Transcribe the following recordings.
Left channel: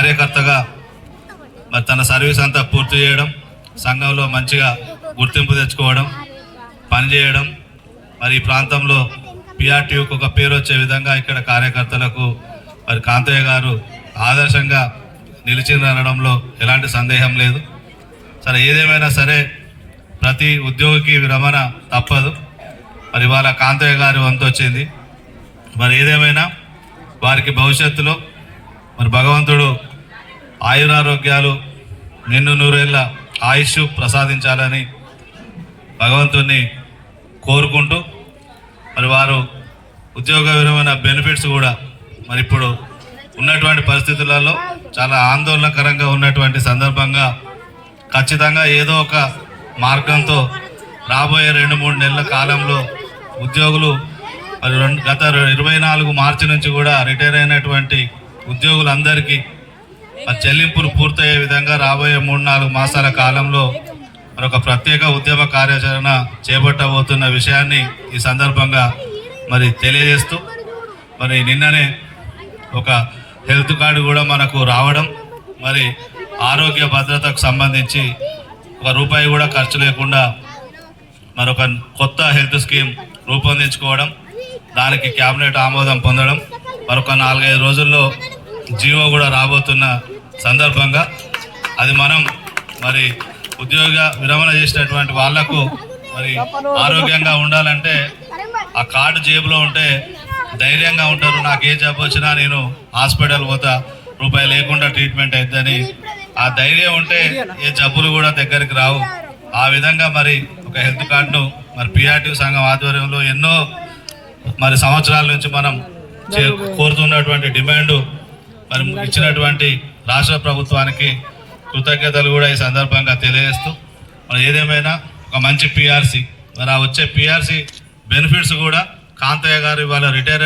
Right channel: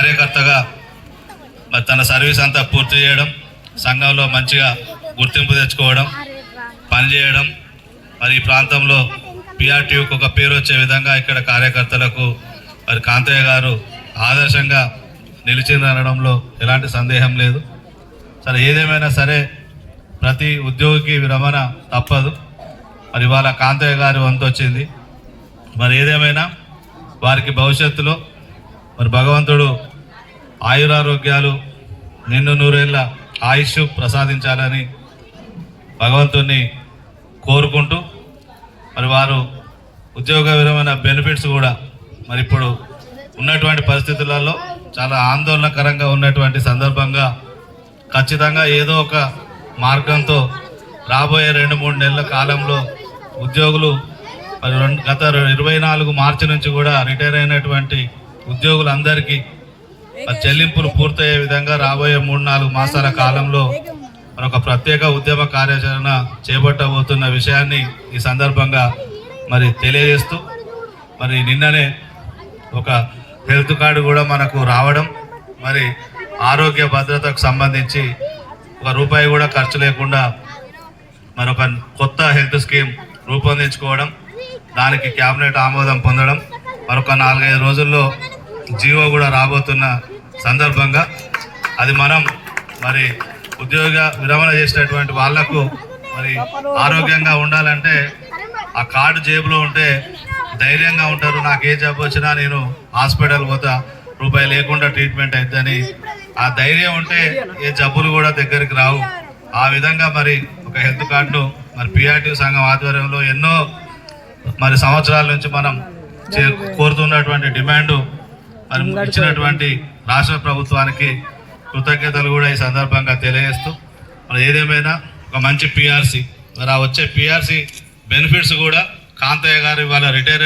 కార్యకర్తగా మరి తన సర్వీస్ అంతా పూర్తి చేయడం, సంఘంలో మంచిగా గుర్తింపు తెచ్చుకోవడం, పనిచేయడం, మరి ఈ ప్రాంతంలో పిఆర్టీయూకి ఒక పేరు వచ్చే విధంగా ఇక్కడ కార్యకర్తలకు మరి కాంతయ్య గారు ఆదర్శంగా నిలిచిందనడంలో ఎలాంటి సందేహం లేదు. సరే, ఏదేమైనా సరే ప్రతి ఉద్యోగికి విరమణ తప్పదు. మరి ఇవాళ కాంతయ్య గారి వంతు వచ్చింది. మరి ఏదేమైనా వారికి భవిష్యత్తులో మరి భగవంతుడు ఆయురారోగ్యాలు, నిన్ను నూరేళ్ల ఆయుష్ ప్రసాదించాలని భగవంతుని కోరుకుంటూ, మరి వారు ఉద్యోగ విరమణ బెనిఫిట్స్ కూడా మరి ఇప్పుడు ఉన్నటువంటి పరిస్థితులలో చాలా ఆందోళనకరంగా ఉన్నటువంటి సందర్భంగా ఖచ్చితంగా ఏదో ఒక మార్గంతో రాబోయే 2-3 నెలల కాలంలో ఉద్యోగులు గత 24 మార్చి నుంచి కూడా రిటైర్ అయినటువంటి ఉద్యోగులందరికీ చెల్లింపులు పూర్తయ్యే విధంగా రాబోయే 3-4 మాసాల కాలంలో మరొక ప్రత్యేక ఉద్యమ కార్యాచరణ చేపట్టబోతున్న విషయాన్ని ఈ సందర్భంగా మరి తెలియజేస్తూ, మరి నిన్ననే ఒక హెల్త్ కార్డు కూడా మనకు రావడం, మరి ఆరోగ్య భద్రతకు సంబంధించి ₹1 కూడా ఖర్చు లేకుండా మరొక కొత్త హెల్త్ స్కీమ్ రూపొందించుకోవడం, దానికి క్యాబినెట్ ఆమోదం పొందడం, మరొక 4-5 రోజుల్లో జీవో కూడా రాబోతున్న సందర్భంగా అది మనం మరి ఉద్యోగ విరమణ చేసినటువంటి వాళ్లకు మరి ఆరోగ్యంగా ఉండాలంటే ఆ కార్డు జేబులో ఉంటే ధైర్యంగా ఉంటారు. నాకు ఏ జబ్బు వచ్చినా నేను హాస్పిటల్ పోతా, ₹1 లేకుండా ట్రీట్మెంట్ అవుతుందని ఆ ధైర్యం ఉంటే ఏ జబ్బులు కూడా దగ్గరికి రావు. ఆ విధంగా మరి ఒక హెల్త్ కార్డును మరి పిఆర్టీ సంఘం ఆధ్వర్యంలో ఎన్నో మరి సంవత్సరాల నుంచి మనం కోరుతున్నటువంటి డిమాండ్ మరి ఇచ్చినటువంటి రాష్ట్ర ప్రభుత్వానికి కృతజ్ఞతలు కూడా ఈ సందర్భంగా తెలియజేస్తూ, మరి ఏదేమైనా ఒక మంచి పిఆర్సీ, మరి ఆ వచ్చే పిఆర్సీ బెనిఫిట్స్ కూడా కాంతయ్య గారు ఇవాళ రిటైర్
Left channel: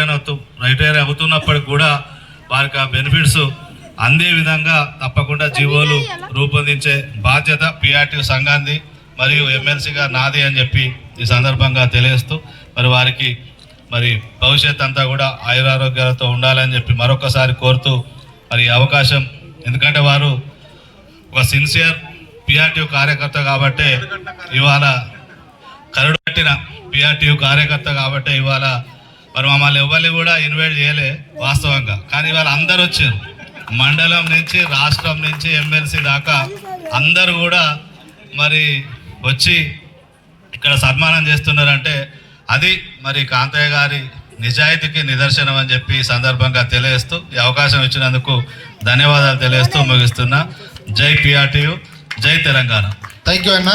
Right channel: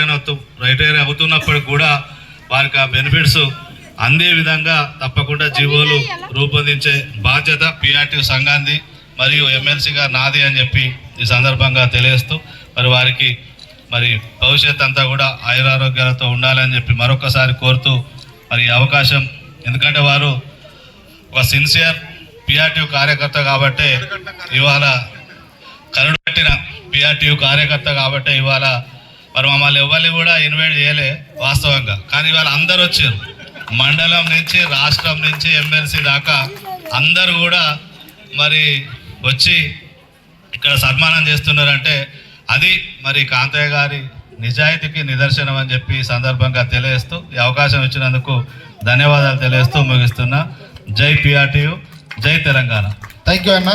అవుతున్నప్పటికి కూడా వారికి ఆ బెనిఫిట్స్ అందే విధంగా తప్పకుండా జీవోలు రూపొందించే బాధ్యత పిఆర్టీ సంఘాన్ని మరియు ఎమ్మెల్సీగా నాది అని చెప్పి ఈ సందర్భంగా తెలియజేస్తూ, మరి వారికి మరి భవిష్యత్ అంతా కూడా ఆయురారోగ్యాలతో ఉండాలని చెప్పి మరొకసారి కోరుతూ, మరి అవకాశం, ఎందుకంటే వారు ఒక సిన్సియర్ పిఆర్టీ కార్యకర్త కాబట్టి ఇవాళ కరడు కట్టిన పిఆర్టీ కార్యకర్త కాబట్టి ఇవాళ మరి మమ్మల్ని ఎవరిని కూడా ఇన్వైట్ చేయలే వాస్తవంగా. కానీ ఇవాళ అందరు వచ్చారు, మండలం నుంచి రాష్ట్రం నుంచి ఎమ్మెల్సీ దాకా అందరూ కూడా మరి వచ్చి ఇక్కడ సన్మానం చేస్తున్నారంటే అది మరి కాంతయ్య గారి నిజాయితీకి నిదర్శనం అని చెప్పి ఈ సందర్భంగా తెలియజేస్తూ, ఈ అవకాశం ఇచ్చినందుకు ధన్యవాదాలు తెలియజేస్తూ ముగిస్తున్నా. జై పిఆర్టీయు, జై తెలంగాణ. థ్యాంక్ యూ అన్న.